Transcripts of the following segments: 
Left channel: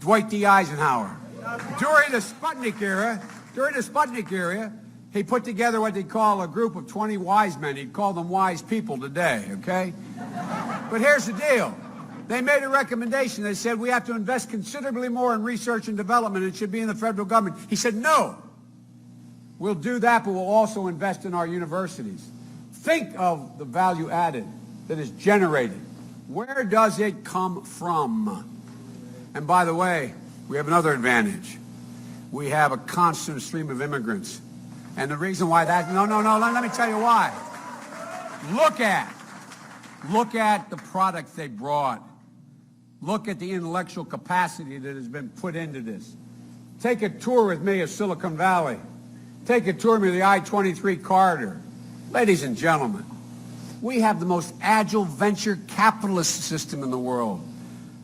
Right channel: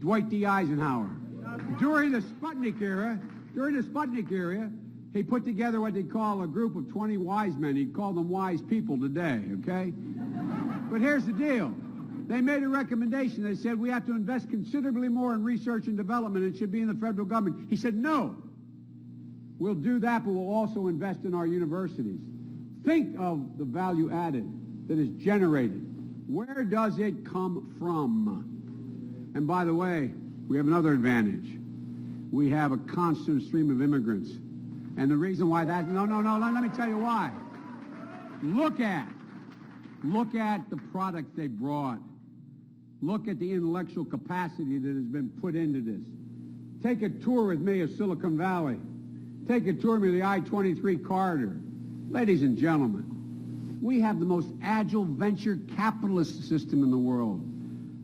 Dwight D. Eisenhower. During the Sputnik era, he put together what they call a group of 20 wise men. He'd call them wise people today, okay? But here's the deal. They made a recommendation. They said, we have to invest considerably more in research and development. It should be in the federal government. He said, no. We'll do that, but we'll also invest in our universities. Think of the value added that is generated. Where does it come from? And by the way, we have another advantage. We have a constant stream of immigrants. And the reason why that, no, let me tell you why. Look at the products they brought. Look at the intellectual capacity that has been put into this. Take a tour with me of Silicon Valley. Take a tour with the I-23 corridor. Ladies and gentlemen, we have the most agile venture capitalist system in the world.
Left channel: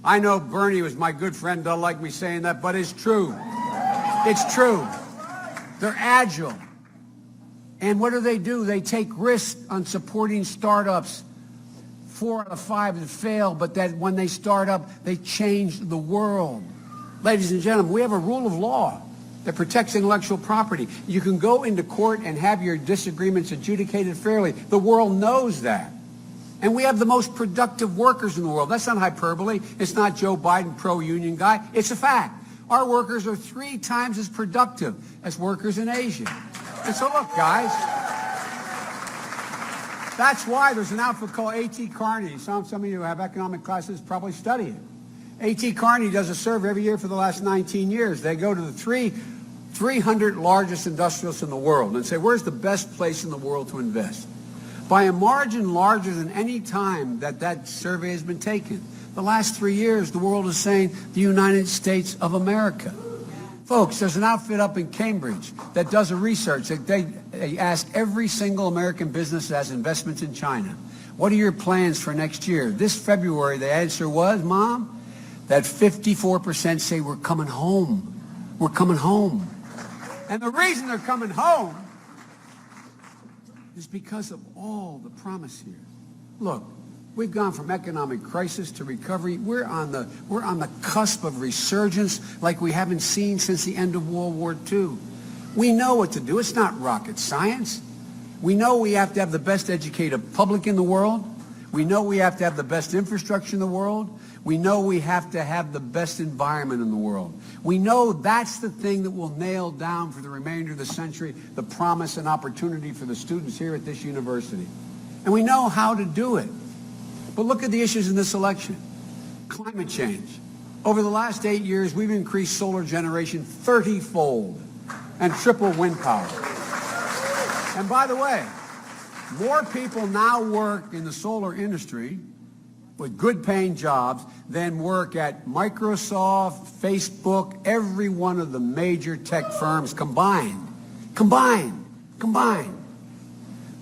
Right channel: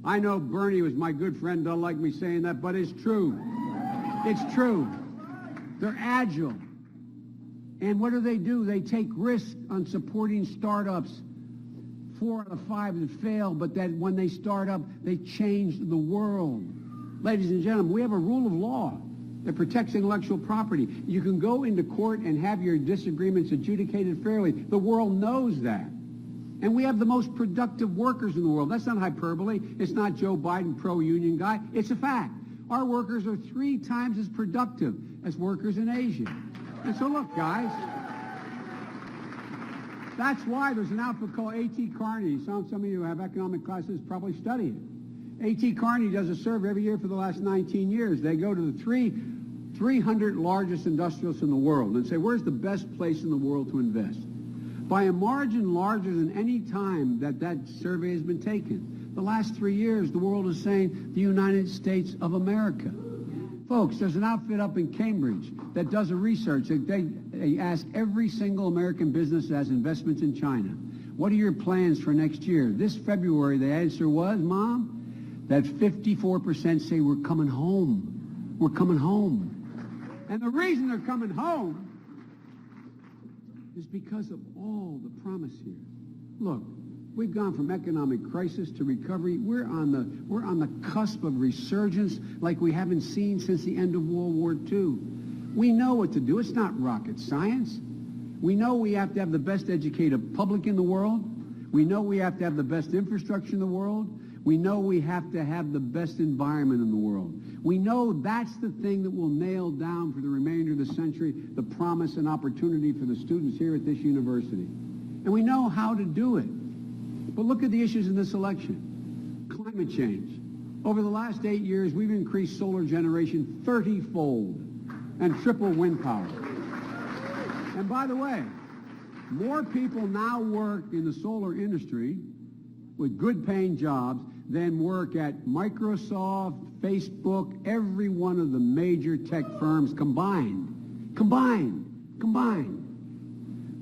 I know Bernie was my good friend, doesn't like me saying that, but it's true. It's true. They're agile. And what do? They take risks on supporting startups. 4 out of 5 that fail, but that when they start up, they change the world. Ladies and gentlemen, we have a rule of law that protects intellectual property. You can go into court and have your disagreements adjudicated fairly. The world knows that. And we have the most productive workers in the world. That's not hyperbole. It's not Joe Biden pro-union guy. It's a fact. Our workers are 3 times as productive as workers in Asia. And so look, guys, that's why there's an outfit called A.T. Kearney. Some of you who have economic classes probably study it. A.T. Kearney does a survey every year for the last 19 years. They go to the 300 largest industrialists in the world and say, where's the best place in the world to invest? By a margin larger than any time that survey has been taken. The last 3 years, the world is saying the United States of America. Folks, there's an outfit up in Cambridge that does a research. They ask every single American business that has investments in China, what are your plans for next year? This February, the answer was, Mom, that 54% say we're coming home. We're coming home. And the reason they're coming home is because of all the promise here. Look, we've gone from economic crisis to recovery. We're on the cusp of resurgence like we haven't seen since the end of World War II. We know what to do. It's not rocket science. We know we have to have the best educated public in the world. We know we have to have the best infrastructure in the world. We know we have to have the best environment in the world. We know that's the thing that will nail down for the remainder of the century the promise and opportunity for the students here at this university. And we know how to do it. But look at the issues in this election. Climate change. Over the last 8 years, we've increased solar generation 30-fold and triple wind power. And by the way, more people now work in the solar industry with good-paying jobs than work at Microsoft, Facebook, every one of the major tech firms combined.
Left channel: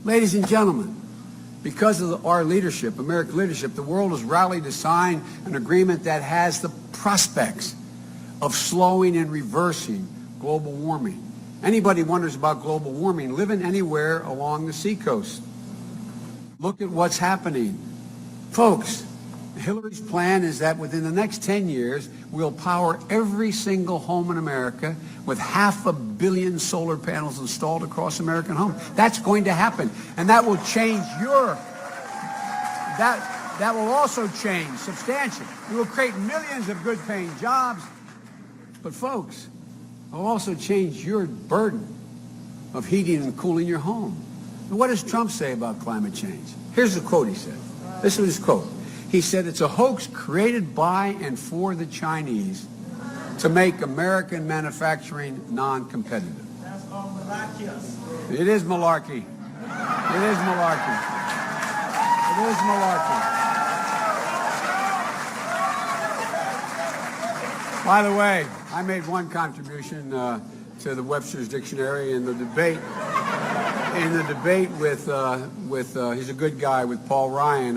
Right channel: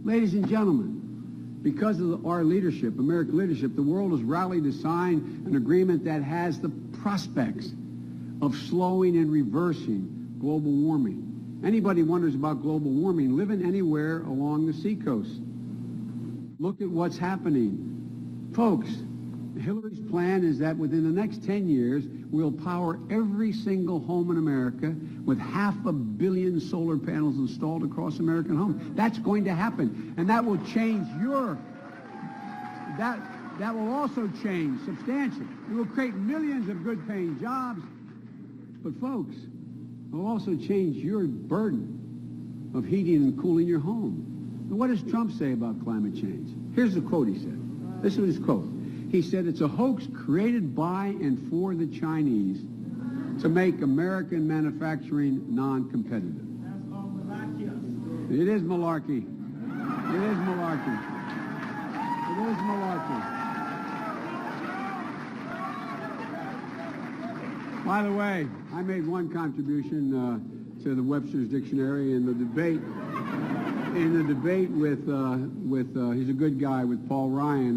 Ladies and gentlemen, because of our leadership, American leadership, the world has rallied to sign an agreement that has the prospects of slowing and reversing global warming. Anybody wonders about global warming, living anywhere along the seacoast. Look at what's happening. Folks, Hillary's plan is that within the next 10 years, we'll power every single home in America with 500 million solar panels installed across American homes. That's going to happen. And that will change that will also change substantially. It will create millions of good-paying jobs. But folks, it will also change your burden of heating and cooling your home. And what does Trump say about climate change? Here's the quote he said. This is his quote. He said, it's a hoax created by and for the Chinese to make American manufacturing non-competitive. That's all malarkey. It is malarkey. It is malarkey. It is malarkey. By the way, I made one contribution to the Webster's Dictionary in the debate. With he's a good guy, with Paul Ryan.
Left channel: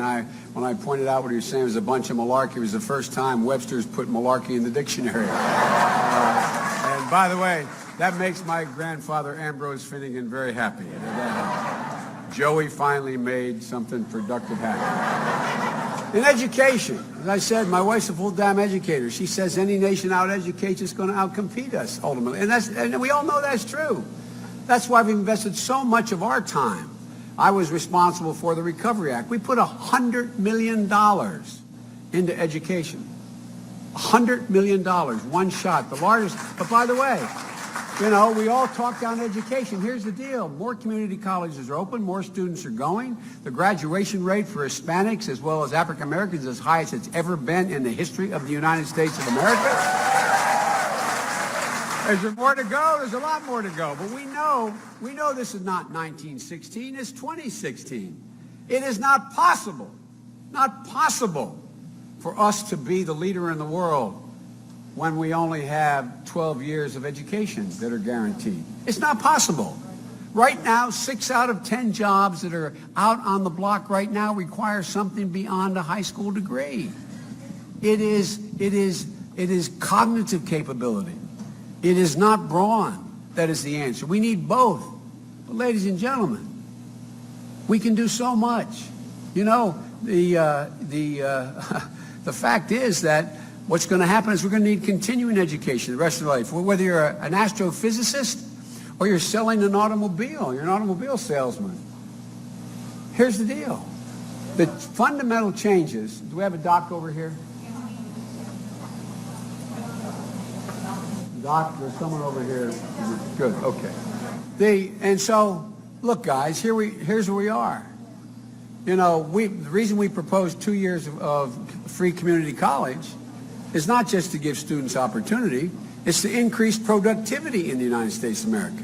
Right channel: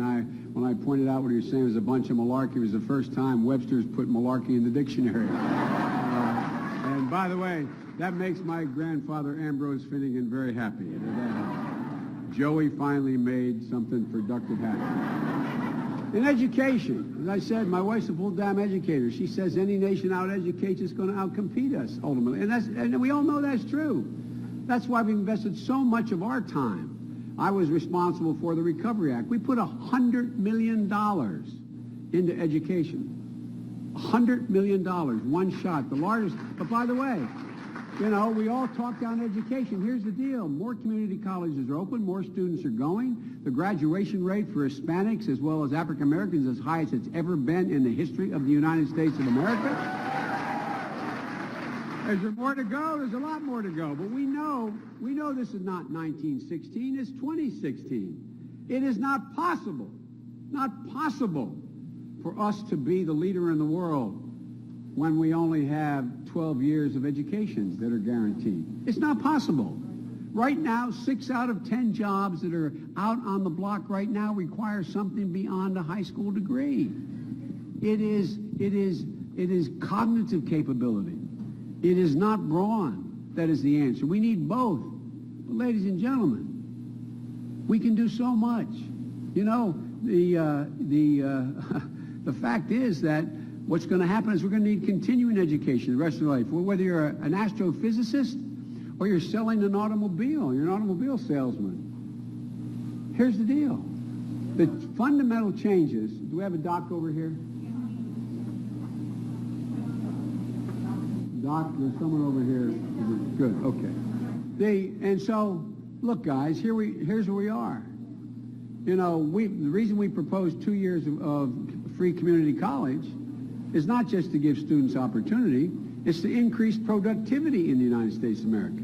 When I pointed out what he was saying was a bunch of malarkey, it was the first time Webster's put malarkey in the dictionary. And by the way, that makes my grandfather Ambrose Finnegan very happy. Joey finally made something productive happen. In education, as I said, my wife's a full-time educator. She says any nation out-educates is going to outcompete us ultimately. And we all know that's true. That's why we've invested so much of our time. I was responsible for the Recovery Act. We put $100 million into education. $100 million, one shot, the largest. But by the way, you know, we all talk down education. Here's the deal. More community colleges are open. More students are going. The graduation rate for Hispanics as well as African Americans is as high as it's ever been in the history of the United States of America. Is there more to go? There's a lot more to go. But we know this is not 1916. It's 2016. It is not possible for us to be the leader in the world when we only have 12 years of education that are guaranteed. It's not possible. Right now, 6 out of 10 jobs that are out on the block right now require something beyond a high school degree. It is cognitive capability. It is not brawn that is the answer. We need both. But ladies and gentlemen, we can do so much. You know, the fact is that what's going to happen is we're going to need continuing education the rest of your life. Whether you're an astrophysicist or you're selling an automobile, you're an automobile salesman. Here's the deal. The fundamental changes, do we have a doc over here? Doc, there's someone over here. Good, okay. And so, look guys, here's where we are. You know, the reason we proposed 2 years of free community college is not just to give students opportunity, it's to increase productivity in the United States of America.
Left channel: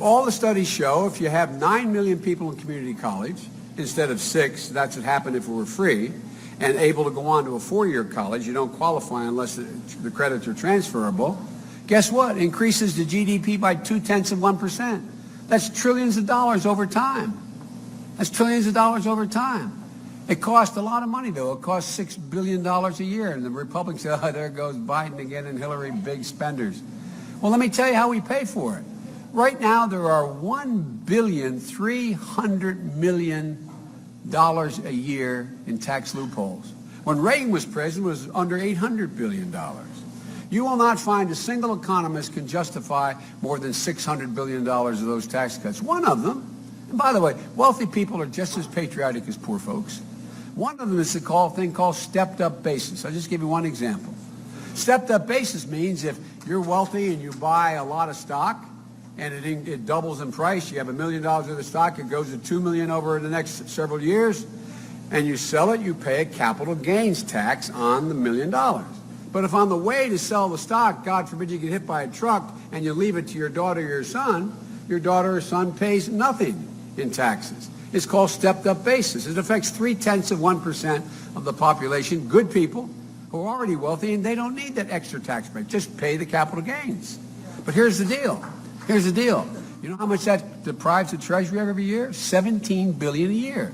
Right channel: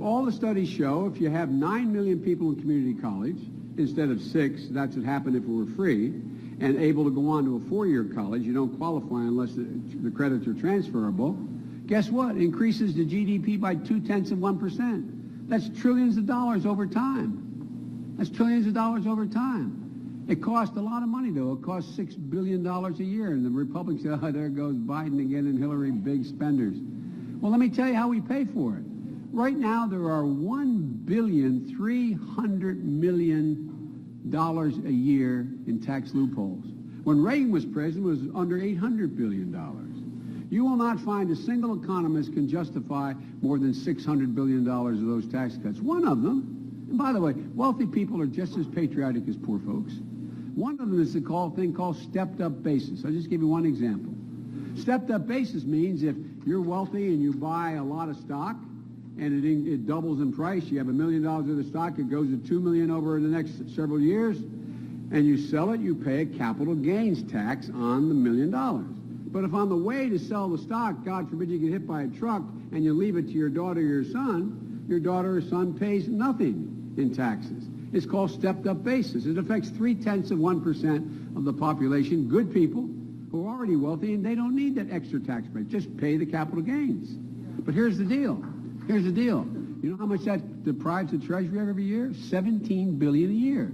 All the studies show if you have 9 million people in community college instead of 6, that's what happened if it were free, and able to go on to a 4-year college, you don't qualify unless the credits are transferable. Guess what? Increases the GDP by 0.2%. That's trillions of dollars over time. That's trillions of dollars over time. It costs a lot of money, though. It costs $6 billion a year. And the Republicans say, oh, there goes Biden again and Hillary, big spenders. Well, let me tell you how we pay for it. Right now, there are $1,300,000,000 a year in tax loopholes. When Reagan was president, it was under $800 billion. You will not find a single economist can justify more than $600 billion of those tax cuts. One of them, and by the way, wealthy people are just as patriotic as poor folks. One of them is the thing called stepped-up basis. I'll just give you one example. Stepped-up basis means if you're wealthy and you buy a lot of stock and it doubles in price, you have $1 million worth of stock, it goes to $2 million over the next several years, and you sell it, you pay a capital gains tax on the $1 million. But if on the way to sell the stock, God forbid you get hit by a truck and you leave it to your daughter or your daughter or son pays nothing in taxes. It's called stepped-up basis. It affects 0.3% of the population, good people who are already wealthy, and they don't need that extra tax break. Just pay the capital gains. But here's the deal. Here's the deal. You know how much that deprives the Treasury every year? $17 billion a year.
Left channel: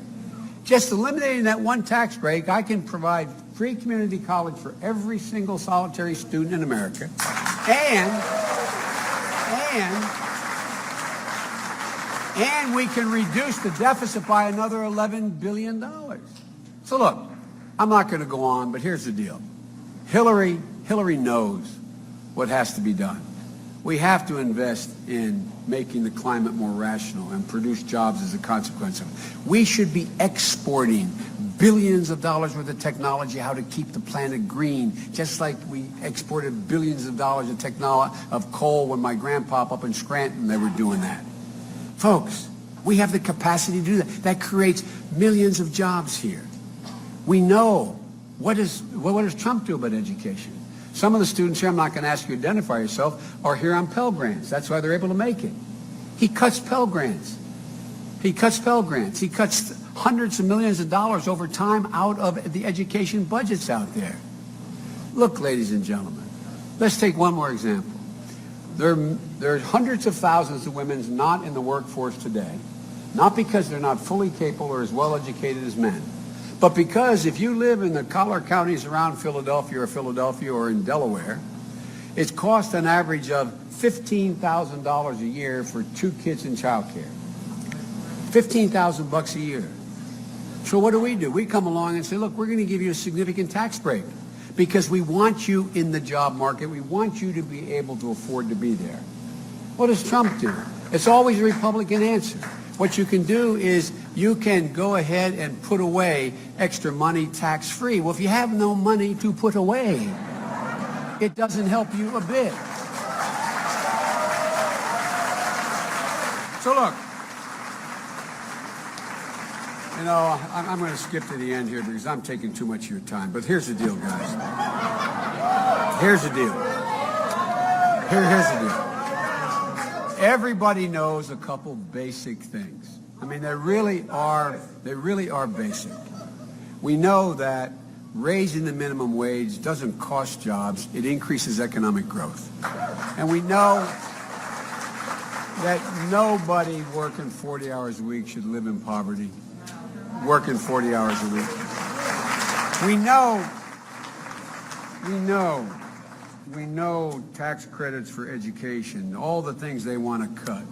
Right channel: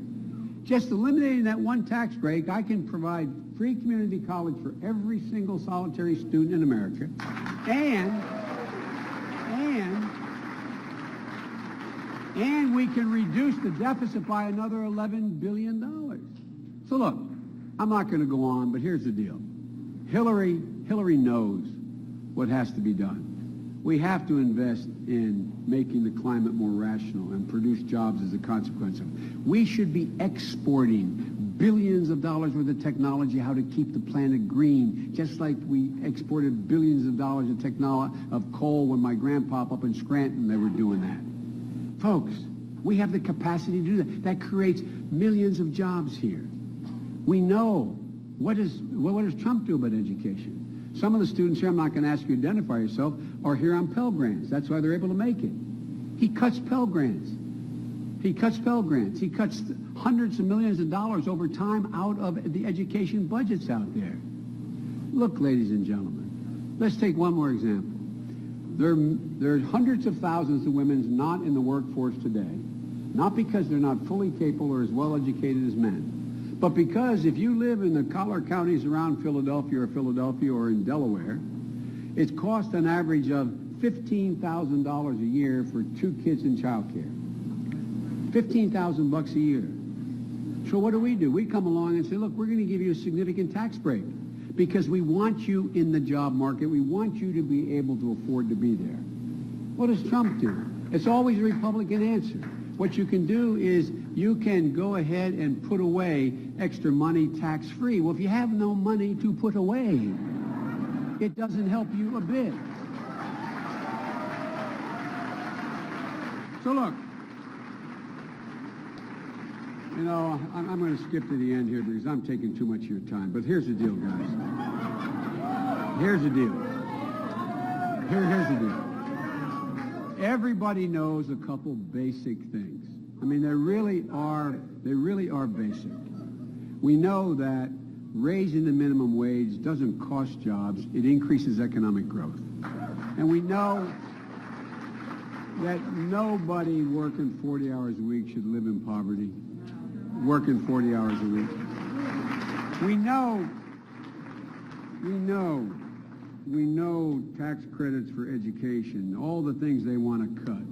Just eliminating that one tax break, I can provide free community college for every single solitary student in America, and we can reduce the deficit by another $11 billion. So look, I'm not going to go on, but here's the deal. Hillary knows what has to be done. We have to invest in making the climate more rational and produce jobs as a consequence of it. We should be exporting billions of dollars worth of technology, how to keep the planet green, just like we exported billions of dollars of coal when my grandpa up in Scranton, they were doing that. Folks, we have the capacity to do that. That creates millions of jobs here. We know. What does Trump do about education? Some of the students here, I'm not going to ask you to identify yourself, are here on Pell Grants. That's why they're able to make it. He cuts Pell Grants. He cuts Pell Grants. He cuts hundreds of millions of dollars over time out of the education budgets out there. Look, ladies and gentlemen, let's take one more example. There are hundreds of thousands of women not in the workforce today, not because they're not fully capable or as well educated as men, but because if you live in the collar counties around Philadelphia or in Delaware, it's cost an average of $15,000 a year for 2 kids in child care. $15,000 a year. So what do? We come along and say, look, we're going to give you a significant tax break because we want you in the job market. We want you to be able to afford to be there. What does Trump do? It's always a Republican answer. What you can do is you can go ahead and put away extra money tax-free. Well, if you have no money to put away, it doesn't help you a bit. So look, you know, I'm going to skip to the end here because I'm taking too much of your time. But here's the deal, guys. Here's the deal. Here's the deal. Everybody knows a couple basic things. I mean, they really are basic. We know that raising the minimum wage doesn't cost jobs, it increases economic growth. And we know that nobody working 40 hours a week should live in poverty, working 40 hours a week. We know tax credits for education, all the things they want to cut.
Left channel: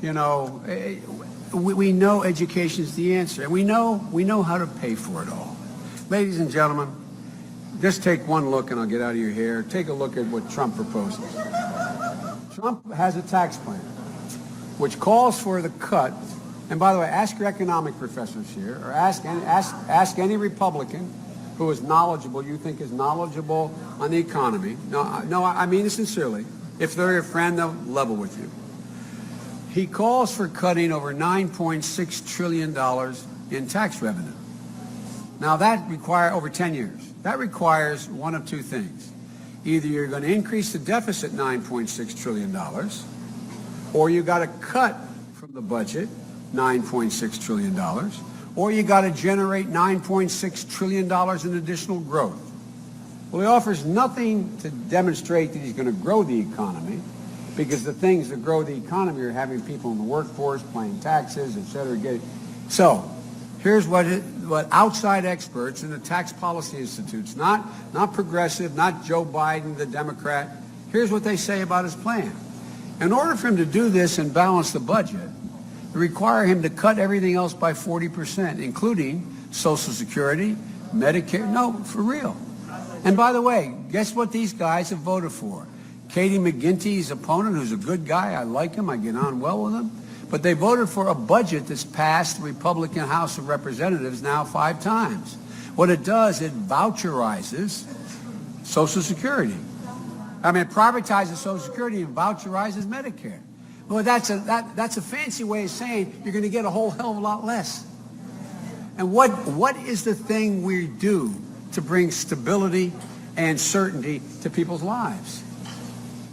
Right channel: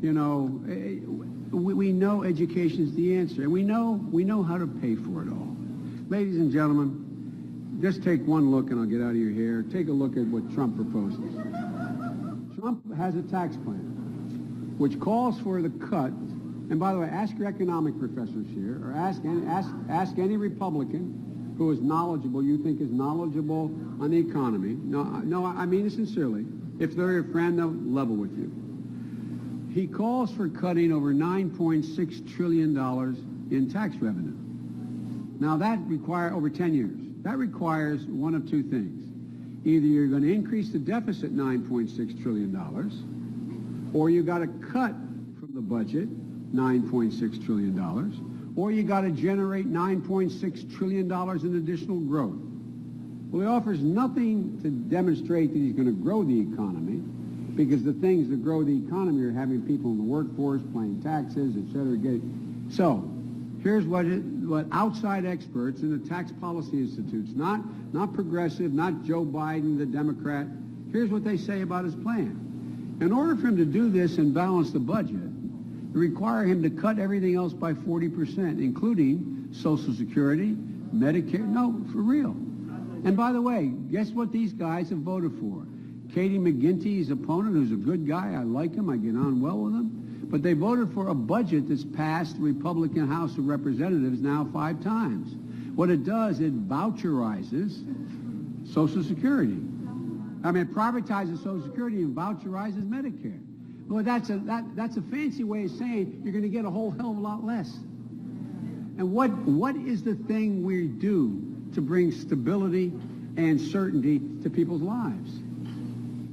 You know, we know education's the answer, and we know how to pay for it all. Ladies and gentlemen, just take one look, and I'll get out of your hair. Take a look at what Trump proposes. Trump has a tax plan which calls for the cut. And by the way, ask your economic professors here, or ask any Republican who is knowledgeable, you think is knowledgeable on the economy. No, I mean it sincerely. If they're your friend, they'll level with you. He calls for cutting over $9.6 trillion in tax revenue. Now that requires over 10 years. That requires one of two things. Either you're going to increase the deficit $9.6 trillion, or you got to cut from the budget $9.6 trillion, or you got to generate $9.6 trillion in additional growth. Well, he offers nothing to demonstrate that he's going to grow the economy, because the things that grow the economy are having people in the workforce, paying taxes, et cetera. So here's what outside experts in the tax policy institutes, not progressive, not Joe Biden, the Democrat, here's what they say about his plan. In order for him to do this and balance the budget, require him to cut everything else by 40%, including Social Security, Medicare. No, for real. And by the way, guess what these guys have voted for? Katie McGinty's opponent, who's a good guy. I like him. I get on well with him. But they voted for a budget that's passed the Republican House of Representatives now 5 times. What it does, it voucherizes Social Security. I mean, it privatizes Social Security and voucherizes Medicare. Well, that's a fancy way of saying you're going to get a whole hell of a lot less. And what is the thing we do to bring stability and certainty to people's lives?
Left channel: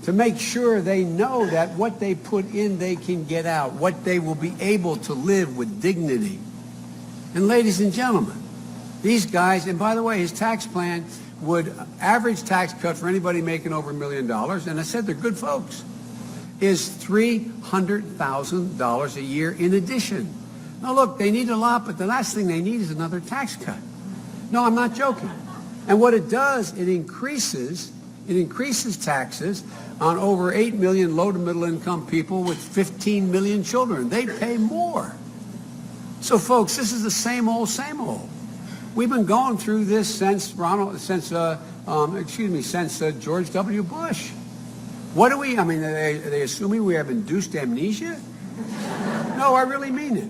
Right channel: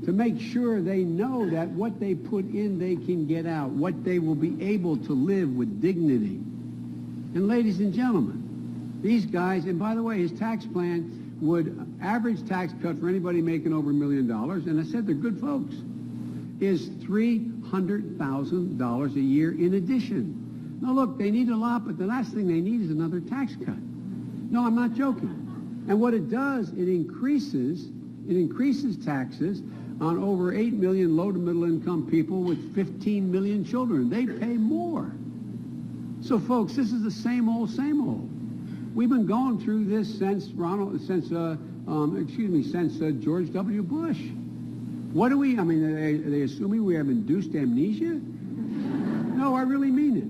To make sure they know that what they put in, they can get out, what they will be able to live with dignity. And ladies and gentlemen, these guys, and by the way, his tax plan would average tax cut for anybody making over $1 million, and I said they're good folks, is $300,000 a year in addition. Now look, they need a lot, but the last thing they need is another tax cut. No, I'm not joking. And what it does, it increases taxes on over 8 million low to middle income people with 15 million children. They pay more. So folks, this is the same old, same old. We've been going through this since George W. Bush. What do we, I mean, are they assuming we have induced amnesia? No, I really mean it.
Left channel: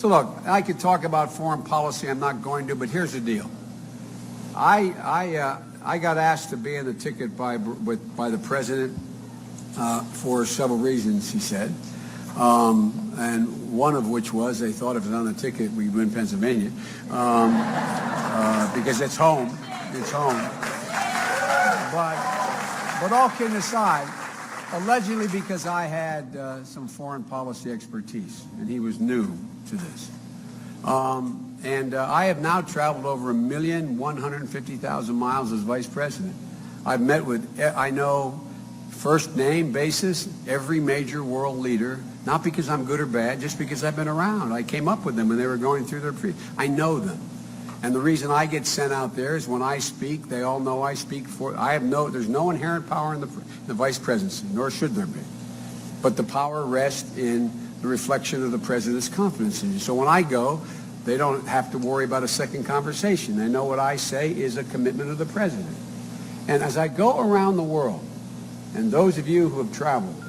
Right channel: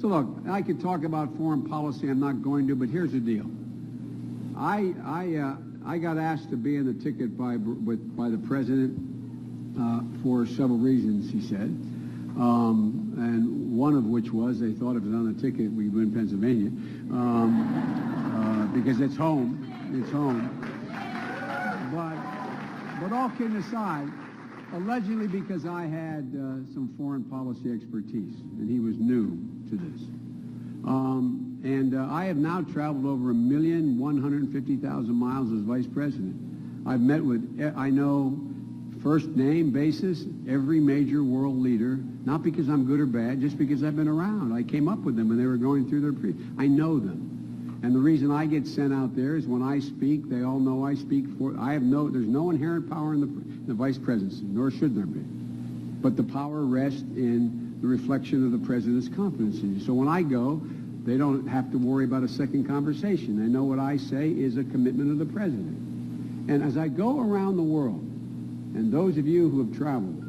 So look, I could talk about foreign policy, I'm not going to, but here's the deal. I got asked to be in the ticket by the president for several reasons, he said. And one of which was they thought if it was on the ticket, we'd win Pennsylvania. Because it's home. It's home. But all kidding aside, allegedly because I had some foreign policy expertise, and he was new to this. I have now traveled over 1,150,000 miles as vice president. I've met with, I know, first name basis, every major world leader, not because I'm good or bad, just because I've been around. I came up with them when they were going through their I know them. And the reason I get sent out there is when I speak, they all know I speak for, there's no inherent power in the vice presidency, nor should there be. But the power rests in the reflection of the president's confidence in you. So when I go, They don't have to worry about a second conversation. They know what I say is a commitment of the president. And as I go around the world, and those of you who have traveled,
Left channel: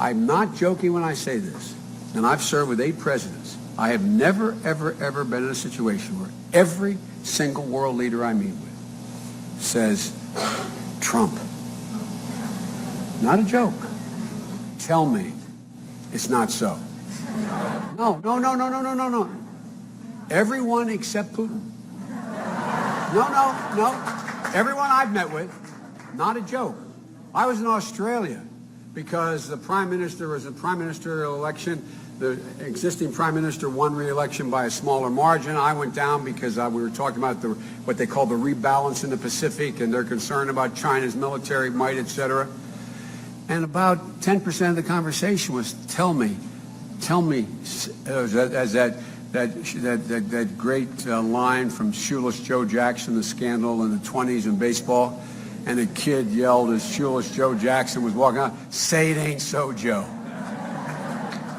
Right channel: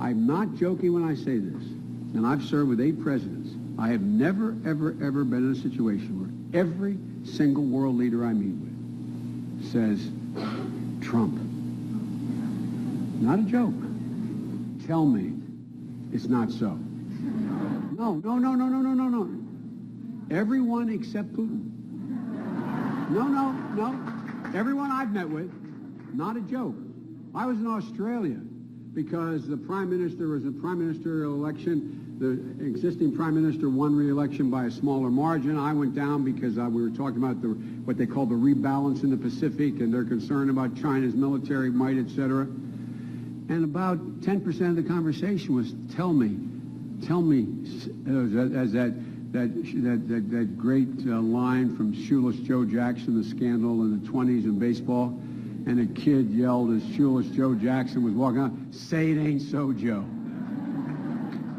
I'm not joking when I say this, and I've served with 8 presidents. I have never, ever, ever been in a situation where every single world leader I meet with says, Trump. Not a joke. Tell me it's not so. No. Everyone except Putin. No. Everyone I've met with, not a joke. I was in Australia because the prime minister was a prime ministerial election. The existing prime minister won re-election by a smaller margin. I went down because we were talking about what they call the rebalance in the Pacific, and they're concerned about China's military might, etc. And about 10% of the conversation was, tell me, as that great line from Shoeless Joe Jackson, the scandal in the 20s in baseball, and a kid yelled as Shoeless Joe Jackson was walking out, say it ain't so, Joe.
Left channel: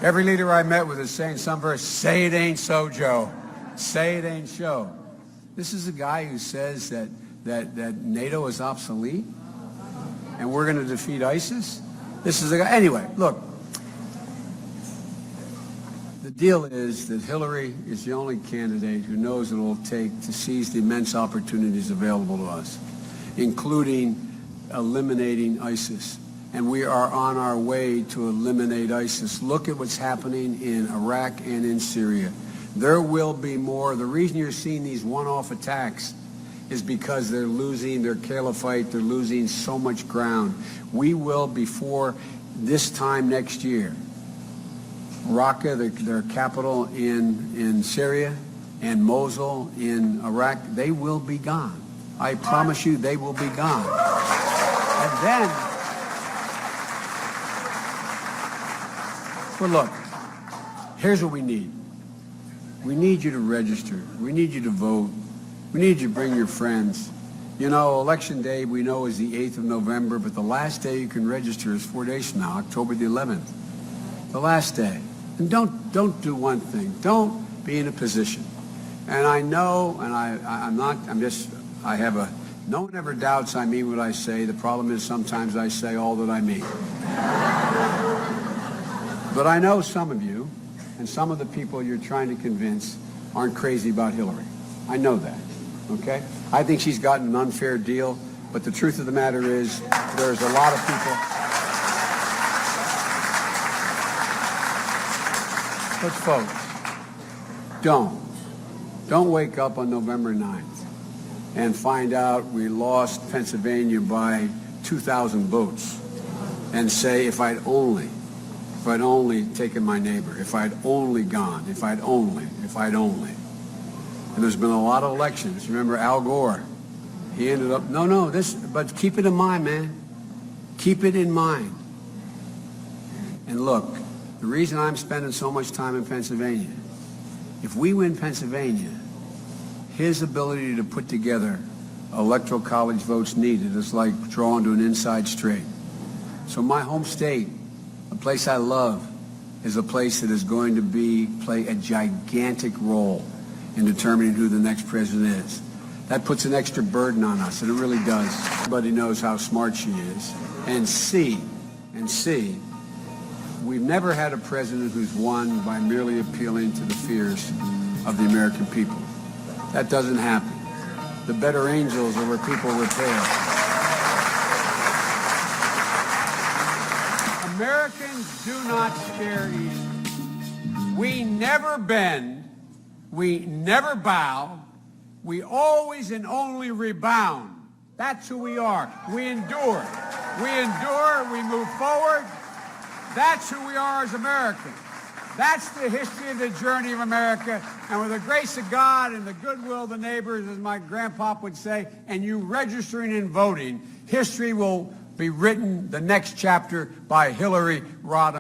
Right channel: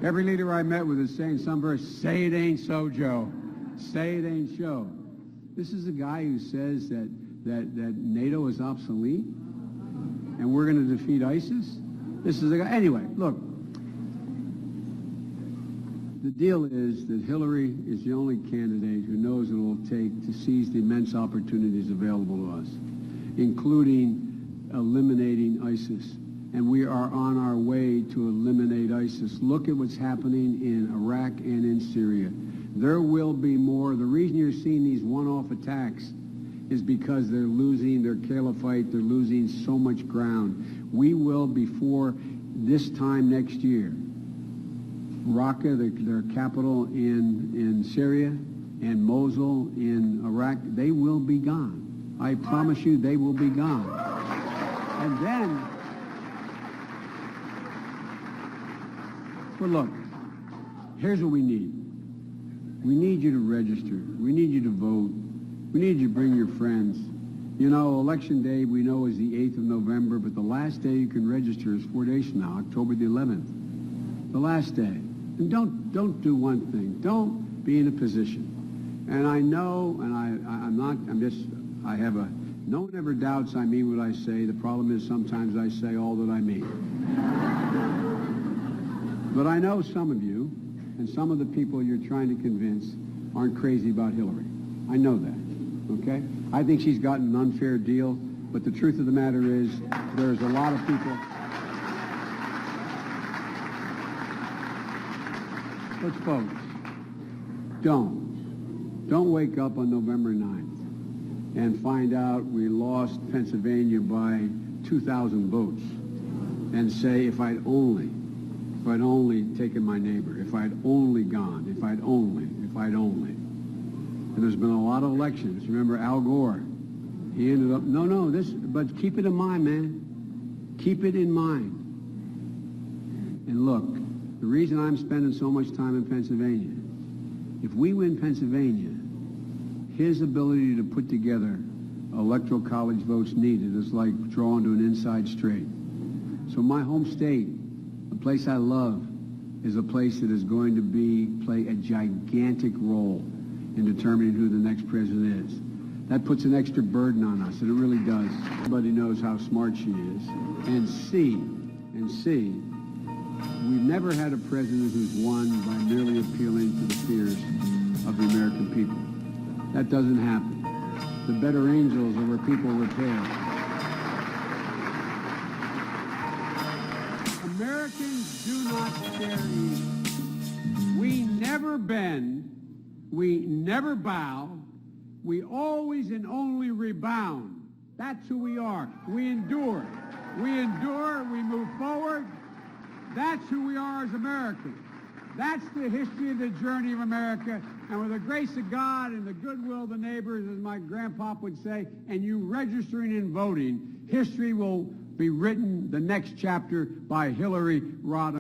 Every leader I met with is saying some verse, say it ain't so, Joe. Say it ain't so. This is a guy who says that NATO is obsolete and we're going to defeat ISIS. This is a guy. Anyway, look. The deal is that Hillary is the only candidate who knows what it will take to seize the immense opportunities available to us, including eliminating ISIS. And we are on our way to eliminate ISIS. Look at what's happening in Iraq and in Syria. There will be more. The reason you're seeing these one-off attacks is because they're losing their caliphate. They're losing so much ground. We will, before this time next year, Raqqa, their capital in Syria, and Mosul in Iraq, they will be gone. I promise you they will be gone. And then, but look, here's what we need. We need you to register. We need you to vote. We need you to bring your friends. You know, Election Day, we know, is the 8th of November, but the last day you can register is 4 days from now, October the 11th. The last day. And don't do one thing. Don't be in a position. And I know, and no one ever doubts I mean what I say. The problem is sometimes I say all that I mean. But I know some of you, and some of the people you're trying to convince aren't crazy about Hillary. I know that, okay? I think she's gotten an unfair deal, but the truth of the matter is there's a lot of people. But folks, don't wake up on November 9th and find out we lost Pennsylvania by 2,000 votes and say, if I'd only taken my neighbor, if I'd only gone, if I'd only. And there's been a lot of elections. Remember Al Gore? He ended up, but keep it in mind, man. Keep it in mind. And look, the reason I'm spending so much time in Pennsylvania, if we win Pennsylvania, his ability to put together electoral college votes needed is like drawing to an inside straight. So my home state, a place I love, is a place that is going to play a gigantic role in determining who the next president is. That puts an extra burden on us, and it really does. Everybody knows how smart she is. And C, we've never had a president who's won by merely appealing to the fears of the American people. That doesn't happen. The better angels are where people repair. Americans do not scare easy. We never bend. We never bow. We always and only rebound. That's who we are. We endure. We move forward. That's who we are as Americans. That's the history of the journey of America. And with the grace of God and the goodwill of the neighbors, as my grandpa would say, and you registering and voting, history will be written, the next chapter, by Hillary Rodham.